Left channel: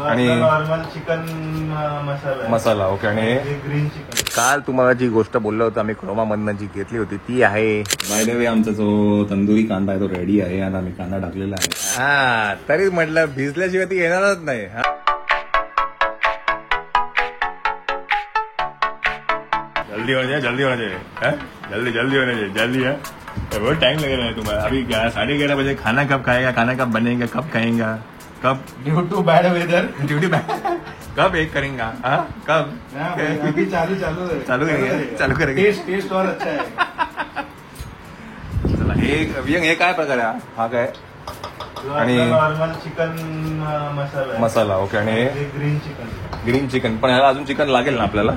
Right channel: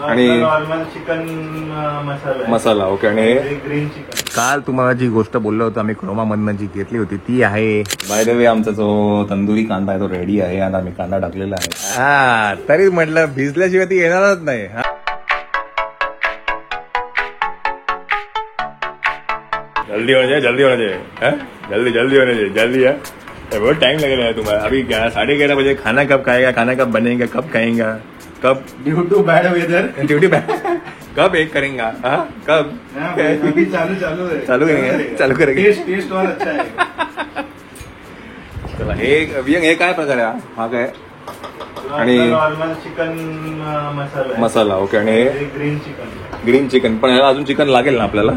आणि चिकन मसाला. ओके. आणि green chicken. काल तुम्हाला जी गोष्ट बोललो होतो आम्ही क्रोमामधनं जी घेतली होती ती आहे बाय द वे आमचा जो तंदुरी कांदा आहे तो रेडी आहे. आता आम्ही कांदा टाकलेला आहे. हा तरी म्हटलं भिजल्याशिवाय ती येणारच नाही. जल्दी होना चाहिए, जल्दी होना चाहिए, जल्दी जल्दी होना चाहिए, जल्दी है. बहुत टाइम लगेगा तुम्हारा. अभी 11:30 बजे खाना कब खाएगा, खाना कब बनेगा, कब खाएगा, कब due to bad weather duty कब एक करेंगे, हाँ कब अभी चालू है. चालू करेंगे, चालू करेंगे. टेस्ट और अच्छा है. चला हे काय प्रकार आहे हा काय आणि चिकन मसाला. ओके. आणि ग्रीन चिकन. Green chicken. पण याला अजून चिकन लागेल ना आपल्याला.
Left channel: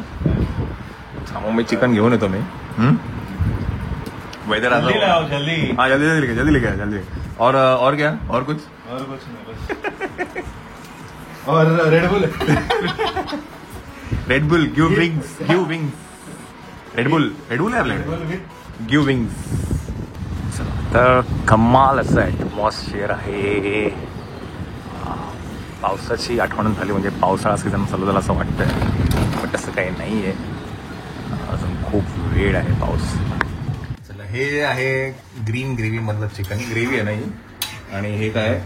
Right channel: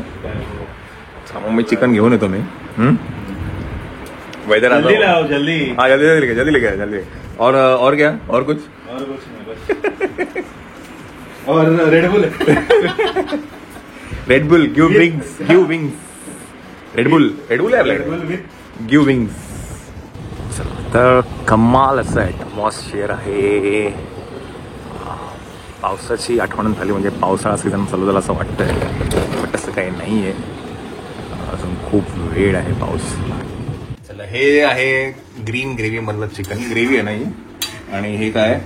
मग मी चिकन घेऊन येतो मी. वेदर आता जल्दी लाओ जल्दी. हाँ जल्दी लेके जल्दी. और क्या और कुछ नहीं बस. और Red Bull. Red Bull give wings Red Bull है आपल्याकडे. Give wings. तर कमाल असं ॲटमॉस्फिअर आहे. पावसाची आठवण झाली म्हणजे पावसाळा सीझन चालू झाला असं वाटतंय. पण तसं काही नाहीये. अजून खूप वेळ आहे पाऊस. चला हे आहे ग्रीन ग्रेव्ही मधलं चिकन. ग्रेव्ही आहे नाही. आणि हे काय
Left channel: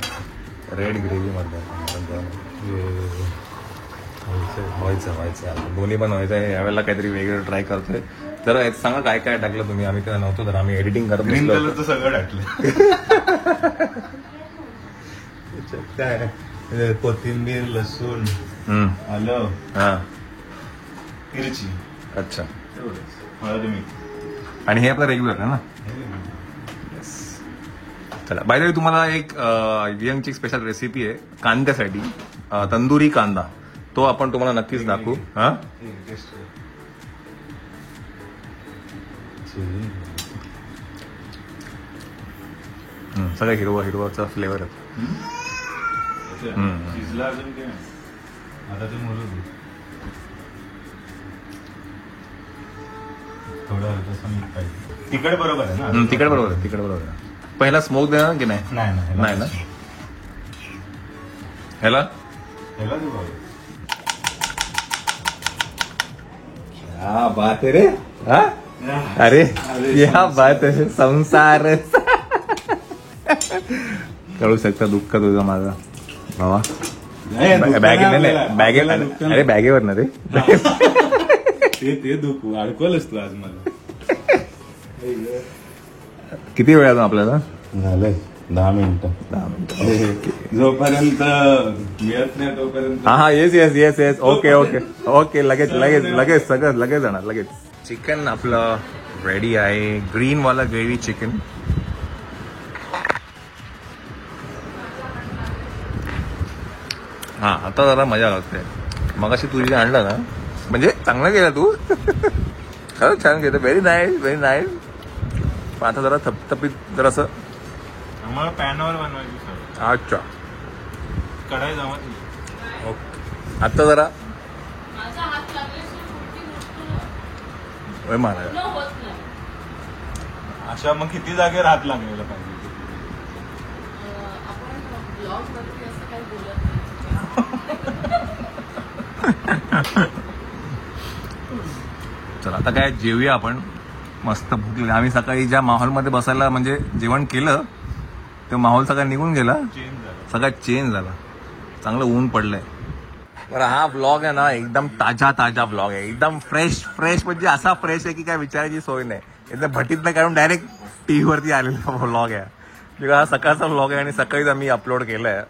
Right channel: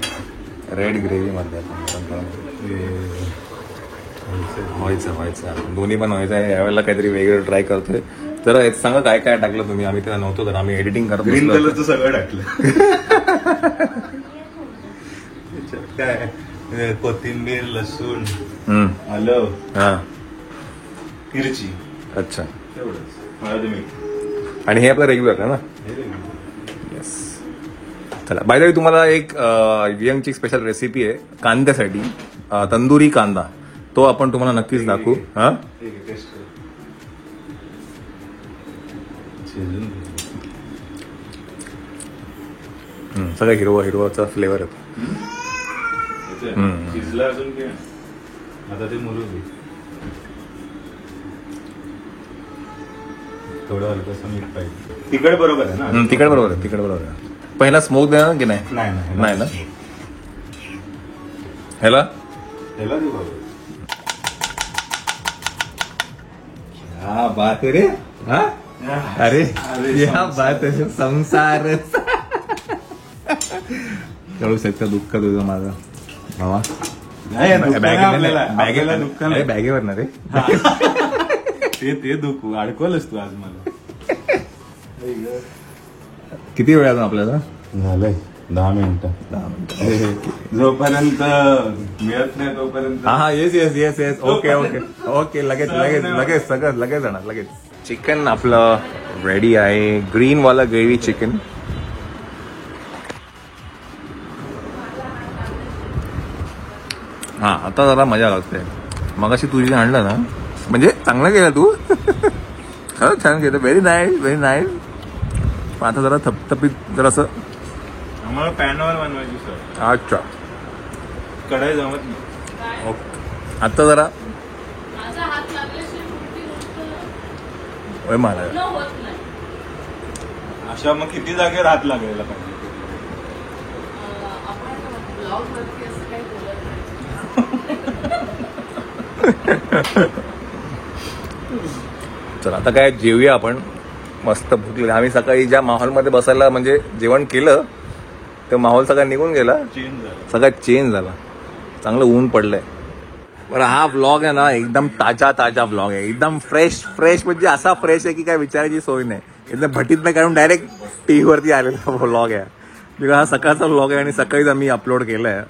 रेड ग्रेव्ही मधलं व्हायचं दोन्ही पण व्हायचं आहे. यावेळेला काहीतरी वेगळं ट्राय करतोय. तर सांगा काय काय टाकलं तुम्ही. आम्ही त्याला नव्हतो तर आम्ही एडिटिंग करतो. ग्रीन कलरचं सगळं टाकलं. काय कोथिंबीर लसूण आलं हा मिरची. अच्छा. हळद मीठ. आणि हे आपलं रेग्युलर आहे ना. येस. चला बाय द वे तुम्हाला एक वियंगची स्पेशल रेसिपी आहे कांद्यासाठी. तंदुरी कांदा. तो आपण तुम्हाला नक्कीच दाखवू. हा सगळं हिरवाचा फ्लेवर आहे. शिजला अजून काय आता ते मुरू दे. थोडं हलकंसं मीठ पाहिजे. तिखट बरोबर आहे ना. तिखट बरोबर आहे. पहिला स्मोक द्या की नाही. नाही ना ह्याला क्या बात है रे. हा अरे या बात आहे संसार. कळू शकता दुःख तुझं माझा बाबा. बॅगेवर ना रे. ते दुःख अडकवलंच तू आज मला. किती वेळ आहे आपल्याला. झालंय 10 मिनिटं. जोपर्यंत मिळत नाही तोपर्यंत. हा येस ओके लगेच सगळं लगेच जाणार लगेच. चिकन आपलं रेडी आहे. ग्रीन वाला ग्रेव्ही चिकन. हा आता जरा मजा लागते. मगाशी तुझी आणलं ना म्हणजे चांगलं केलं तू. हा छान केलं. Very nice. आता जरा थपथपीत जरा असं. आम्हाला पॅनवर बनवायची सर. अच्छा कढाई जमत नाही. ओके. आता जरा मला अशा मग किती जागेवर हात लागायला पाहिजे. चला आता काय जेवूया आपण. मस्त भूक लागली. आम्ही सकाळी ज्या माहोलमध्ये बसायला म्हणजे जेवण केलं तो माहोल सगळा निघून गेला. सगळा चेंज झाला. चांगलं ऊन पडलंय. बरं हा व्लॉग आहे ना एकदम ताजा व्लॉग आहे. एकदम फ्रेश म्हणजे असा फ्रेश आहे की काय विचारायची सोय नाही. एकदम भटीतनं काढून डायरेक्ट टीव्ही वरती आलेला व्लॉग आहे. म्हणजे हा सकाळचा व्लॉग आहे आणि सकाळीच आम्ही अपलोड केलाय.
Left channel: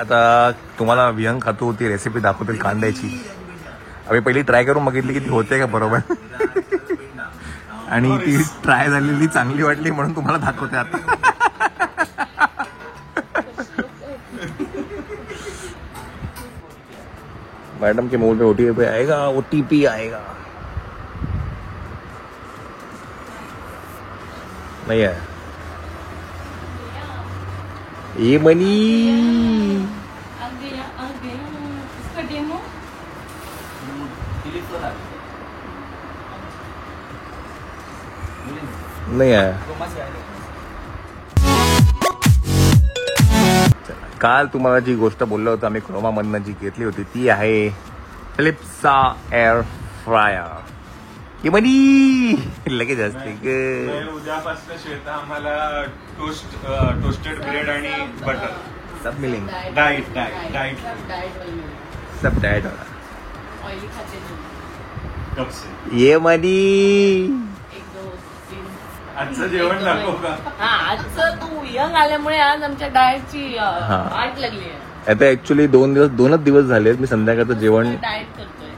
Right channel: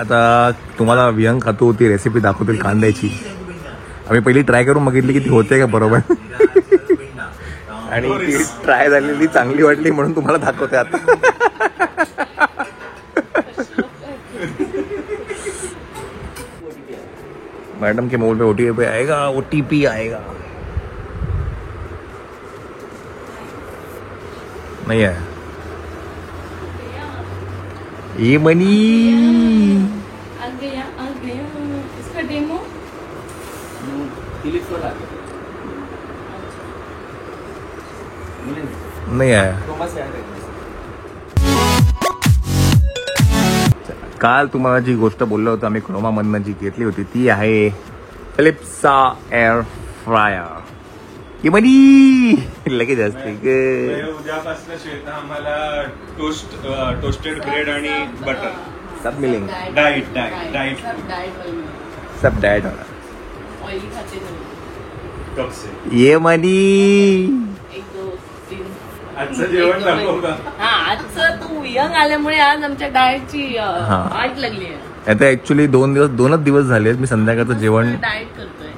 आता तुम्हाला विहंग खातू ती रेसिपी दाखवतील कांद्याची. आम्ही पहिली ट्राय करून बघितली की ती होते का बरोबर. आणि ती ट्राय झालेली चांगली वाटली म्हणून तुम्हाला दाखवते आता. मैडम के मोबाइल पे ओटीपी आएगा. नहीं है ये बनी. इसका डेमो नहीं है. काल तुम्हाला जी गोष्ट बोललो होतो आम्ही क्रोमामधनं जी घेतली होती ती आहे फिलिप्सचा एअर फ्रायर. लगेच असते उद्यापासून श्वेता आम्हाला टोस्टेड ब्रेड आणि बटर सब मिलेंगे. डाईट सब डाएट ऑइली खाते नाही. कप से. ये मनी 1 2 3. आजचं जेवण दाखव का? हा आजचं तू यंग आल्यामुळे आज आमच्या डाएटची वाट लागली आहे. आता ऍक्च्युली दोनच दिवस झाले मी संध्याकाळचं जेवण डाएट करतोय.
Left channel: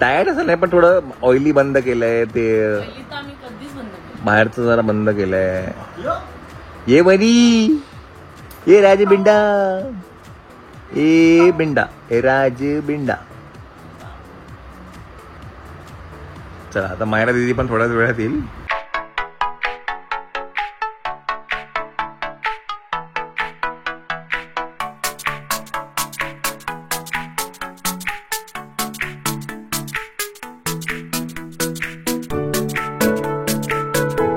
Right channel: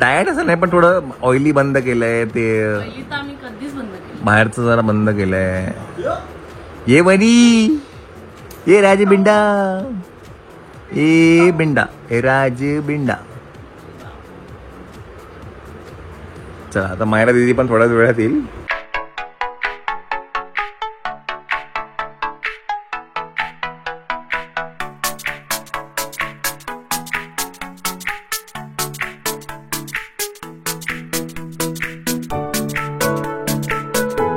डाएट असं नाही पण थोडं ऑइली बंद केलंय ते पहिली तर आम्ही कधीच बंद केली. बाहेरचं जरा बंद केलंय. ये मनी ये राज बिंडा ए बिंडा हे राज बिंडा. चला आता मायरा दीदी पण थोड्याच वेळात येईल.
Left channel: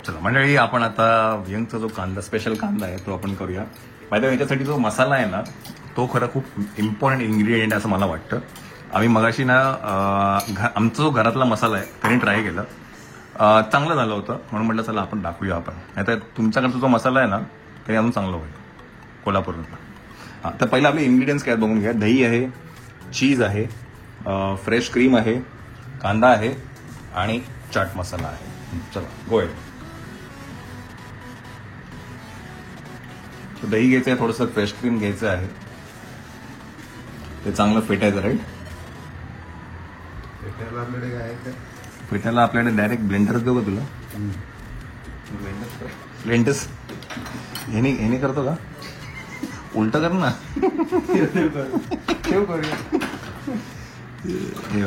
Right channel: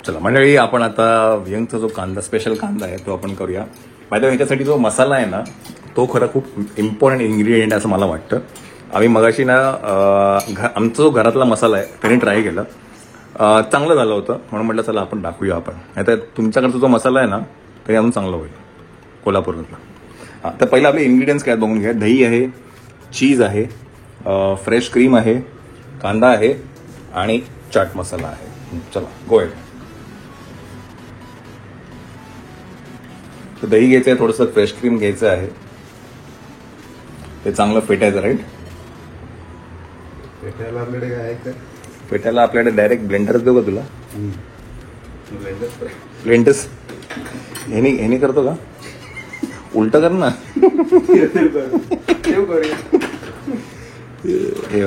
चला मंडळी आपण आता व्यंगचा जो कांदा स्पेशल कांदा आहे तो आपण करूया. माझ्या ह्याच्यासाठी जो मसाला आहे ना तो खरं खूप इम्पॉर्टंट इन्ग्रेडियंट असं मला वाटतं. आम्ही मगाशी ना आमचा जो घरातला मसाला आहे त्याने ट्राय केला, चांगलं झालं होतं म्हणून म्हटलं चला आपण दाखवूया आपण. नाहीतर तुमच्याकडचा जो मसाला आहे ना तरी अजून चांगला होईल कोल्हापूरला. हां तर पहिला आपले इन्ग्रेडियंट्स काय बघून घ्या. दही आहे, चीज आहे, फ्रेश क्रीम आहे, कांदा आहे आणि चाट मसाला आहे. चला गोय. तर दही घ्यायचं आहे, थोडंसं फ्रेश क्रीम घ्यायचं आहे, ते चांगलं फेटायचं. राईट फेटायला आपल्याकडे डायरेक्ट ब्लेंडर देऊ का तुला? ब्लेंडर्स ह्यानी करतो का? उलट कर ना. हे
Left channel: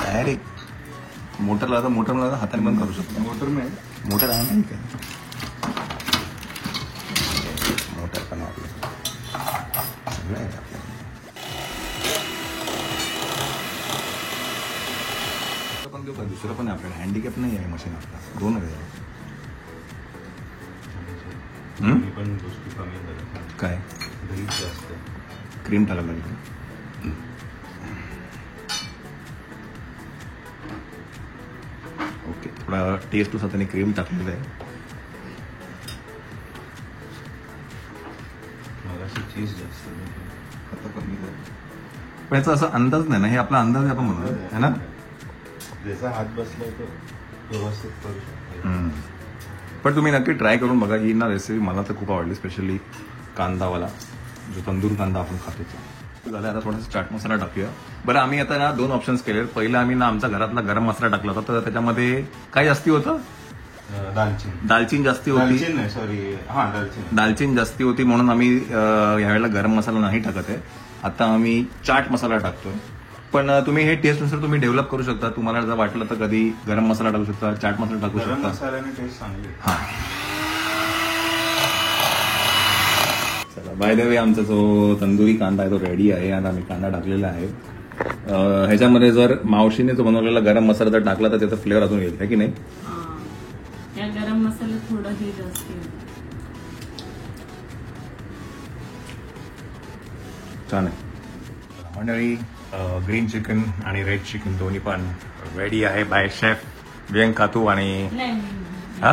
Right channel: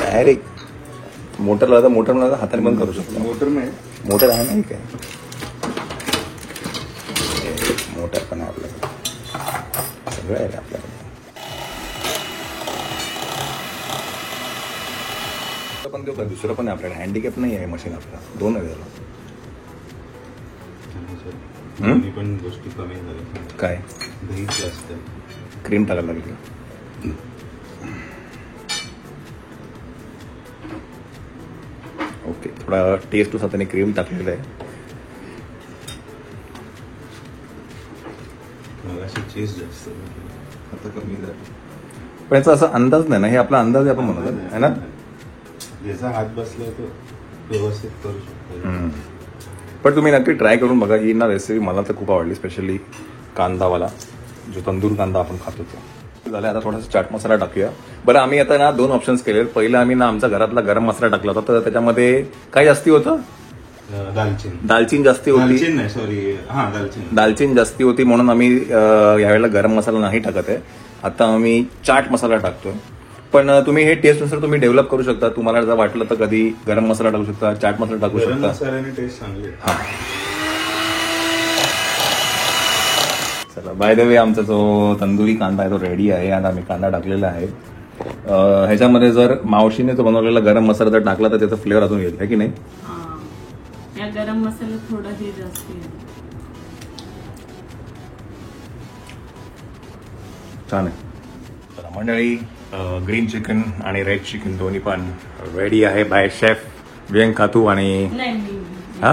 डायरेक्ट मोटर लावता हाताने बंद करू शकतो. मोटर आहे नाही काय? मोटर पण आहे आपल्याकडे, सगळं आहे आपल्याकडे. पण देऊ का? दुसरं पण आहे आपल्याकडे. हँडिकॅप नाही आहे मशीन आपला, 2 आहे त्याला. पण गोष्टी कमी झाल्या. काय दही जास्त, क्रीम टाकायला लागेल. ओके थोडा टेस्ट त्याने क्रीम टाकलेलं आहे. चीज जास्त पण याचा असा अंदाज नाही ना, हे आपला अंदाज आहे आपण म्हणतो है ना. जसा हात बसला तो व्यवस्थित करू. पण तुम्ही नक्की ट्राय करून बघा. ही ना रेसिपी मला तर खूप आवडली, स्पेशली कांदावाला जो तंदूर कांदा आपण खातो तो. झालं आता थोडासा चाट मसाला टाकूया. बरं आम्ही आता ना 2 ऑप्शन्स केले. पहिलं आम्ही ना आमचा घरातला गरम मसाला टाकला होता, तर त्याच्यामध्ये काय जास्ती होतं? दालचीन जास्ती होती. दालचीन जास्ती होती म्हणून आम्ही यावेळेला गरम मसाला नाही टाकत आहे. आता आम्ही चाट मसाला टाकतोय. पण तुम्ही हे टेस्टनुसार तुम्ही डेव्हलप करू शकता. तुम्हाला जर वाटलं तर कधी गरम मसाला टाकू शकता, चाट मसाला टाकू शकता. हा चला बाय द वे आमचा जो तंदुरी कांदा आहे तो रेडी आहे. आणि आम्ही कांदा टाकलेला आहे. ह्याच्यामध्ये जर मावशीने जो बनवलेला गरम मसाला जर टाकला तर त्याचा फ्लेवर अजून येईल, है की नाही? या गरम मसाला थोडा हे जास्त छान आहे. मंडळी ग्रीन चिकन आणि रेड चिकन दोन्ही पण रेडी आहे बाय शेफ व्यंग खातू. आणि हा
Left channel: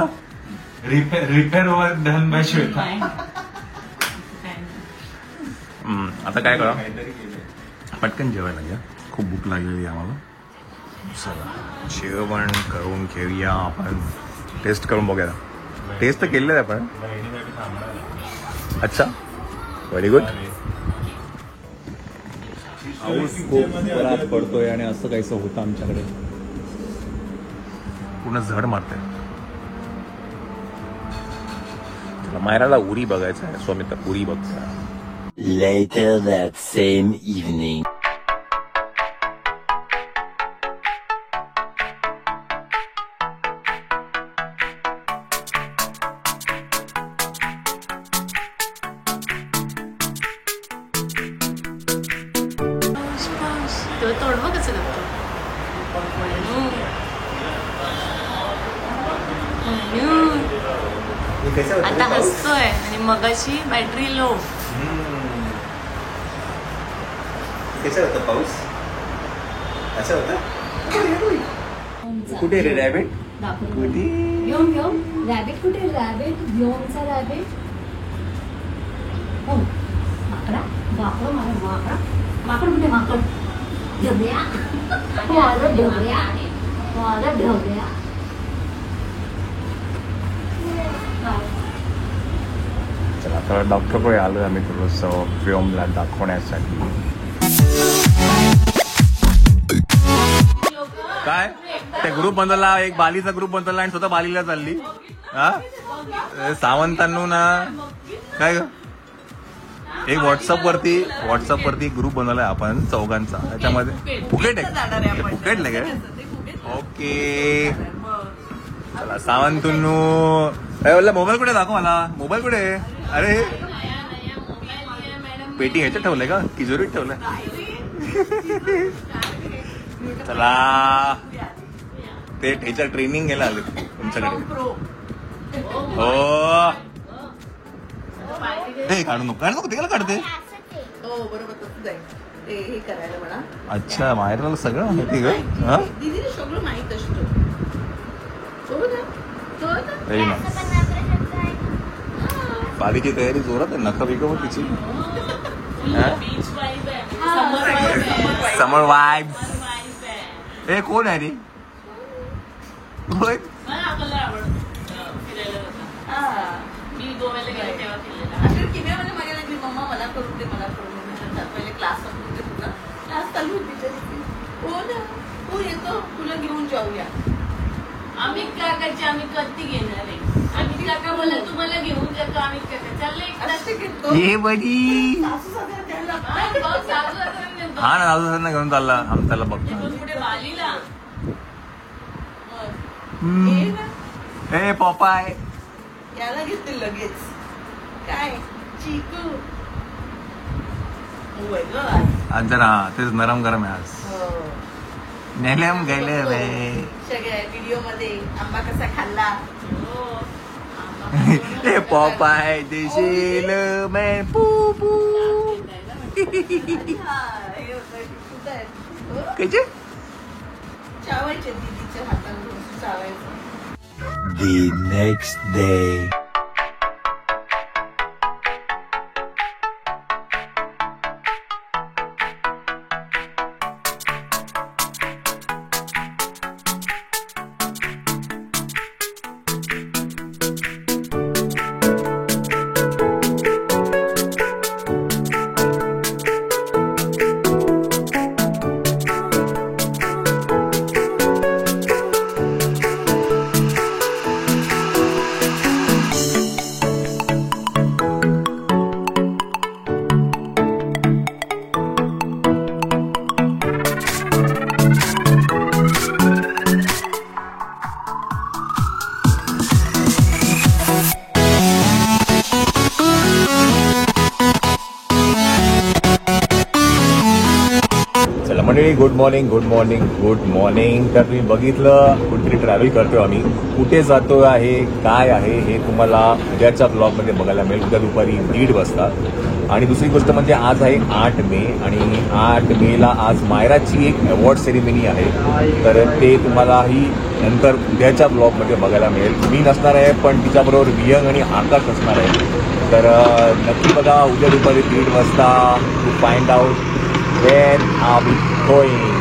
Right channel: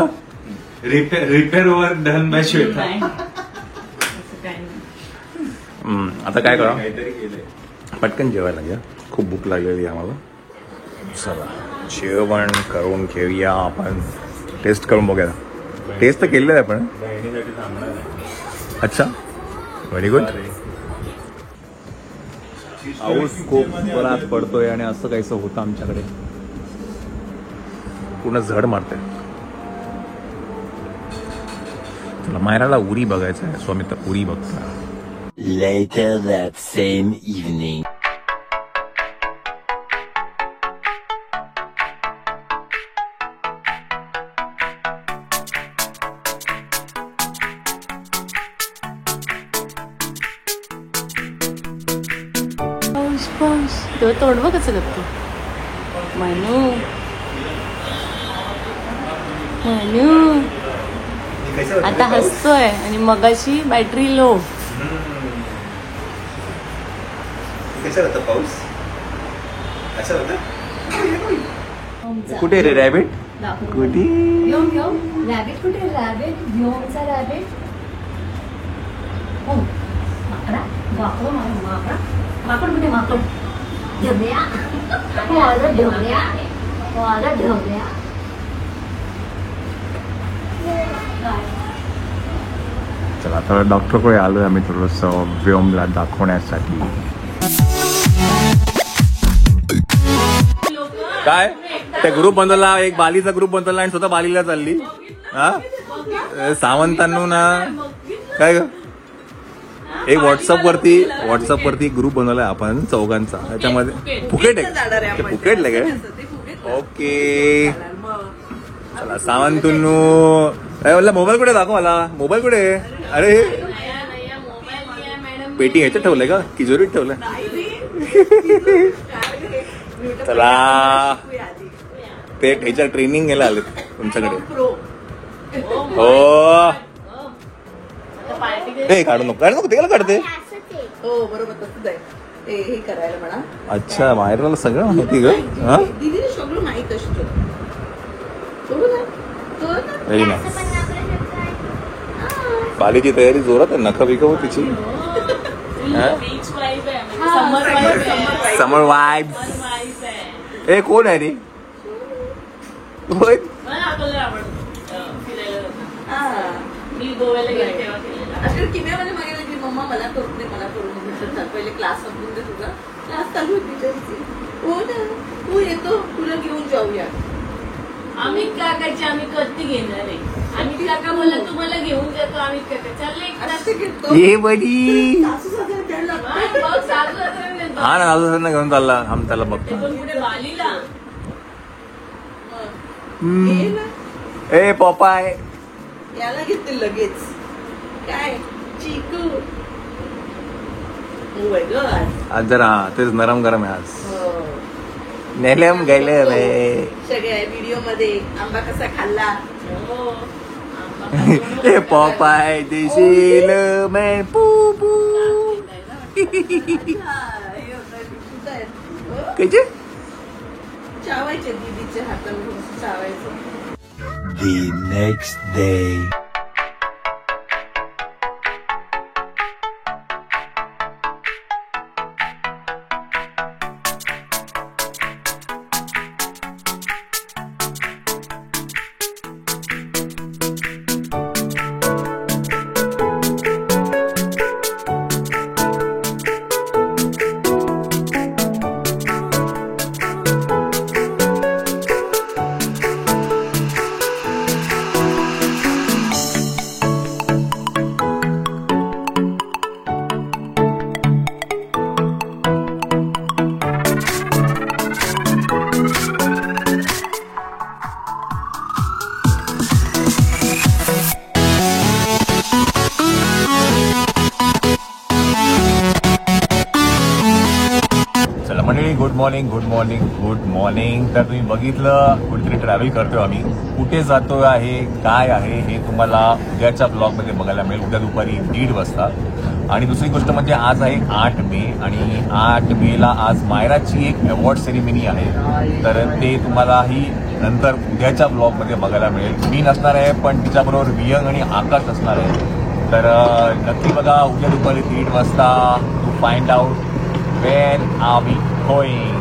repair work done by Shweta. आता काय करा, पटकन जेवायला घ्या, खूप भूक लागलेली आम्हाला. चला जेवण करून घेऊया आपण. टेस्ट करून बघूया. टेस्ट तर केलेलं आहे आपण. अच्छा व्हेरी गुड. पाऊस खूप जोरात पडतोय आणि असं काहीसं होतं आमच्याकडे. पूर्ण झड मारते. मायराला उडी बघायचं आहे, स्वामी तर उडी बघ. Later that same evening. तो तोडवं कसं करतो मनू. आता हसतोय आणि मगाशी बॅटरी लो. कसा होता पाऊस असा होता कुठे रे रॅबिट कुठे रॅबिट कुठे रॅबिट व्योमचा रॅबिट हो माकडा वाकडो माकडा माकड कुठे माकड ढबऱ्या ढबऱ्या ढबऱ्या चला आता डॉक्टरकडे आलोय आम्ही थोडंसं व्योमला दाखवण्यासाठी. काय त्या ग्रुप बनवला एक बालीचा ग्रुप बनवला आणि स्वतः बालीला चालली हा सावंतांनो ना काय एक व्हॉट्सअप वरती ग्रुप बनवलाय आपण चौघांचा त्याच्यामध्ये फुकेट आहे फुकेटला काय ओके सावंतुन्नू काय म्हणलं मोबाईल कुठे दाखव मला मोबाईल कुठे अरे पेटी ह्याच्यात ठेवलंय का तिजोरीत ठेवलंय चला ते ह्याच्या ट्रेनिंग घ्यायला आले तुमच्याकडे हो हे काढू नको ते काढते हो बरोबर तसंच आहे हे करायला म्हणा अच्छा बाहेर सगळं माहिती ग दीदी सगळं माहित असतं व्हेरी नाईस बालीची तयारी जोरात आहे नख बिकव तिची समर वाईब्स ए कोण आहे रे होय मी गोव्याला गेले तेव्हा अगर किम्यामध्ये मागे लागली मम्मा मला करून दे पहिले क्लास संपवून दे तुझा क्लास चालू होती हो ना तू येतो तुला घेऊन जाऊया आम्ही काकाची आम्ही कधी घेणार आहे आम्ही काका बोलला तुम्हाला घेऊन जातो आम्ही काका चाललंय ए बडी सासू सासरे द्यायला हा ना दादू घेऊन चालला आम्ही त्याला बघतो कुठे बालीला ए पपाय याला घेतील लगेच काय चिकू Oh my God. आज जरा तेच नरम गरम आहे आज नेलम गेले सगळ्या व्हिडिओ मध्ये आंबा कसा खाल्ला ए पपाय देशील मैं पू पू कसे चावायचे दीदीच्या हाताने चावायचं The next day. Good morning good morning good morning. तर तुम्ही बघितलं कुठेतरी ट्रॅव्हल करतोय आम्ही कुठे जातो आहे काय आहे हे तुम्हाला उद्याच्या ब्लॉगमध्ये बघायला मिळेल उद्या दुपारी 1:30 वाजता. आणि दुसरी गोष्ट म्हणजे आज आहे 8 मे आणि 8 मेला आज मायराची एक अवॉर्ड सेरेमनी आहे तर ते तुम्हालाही नंतर उद्याच्या ब्लॉगमध्ये बघायला मिळेल. मी नसणार आहे पण तिच्याबरोबर वियंग आणि आकाश असणार आहे तर नक्की बघा उद्या दुपारी 1:30 वाजता to find out when are we going.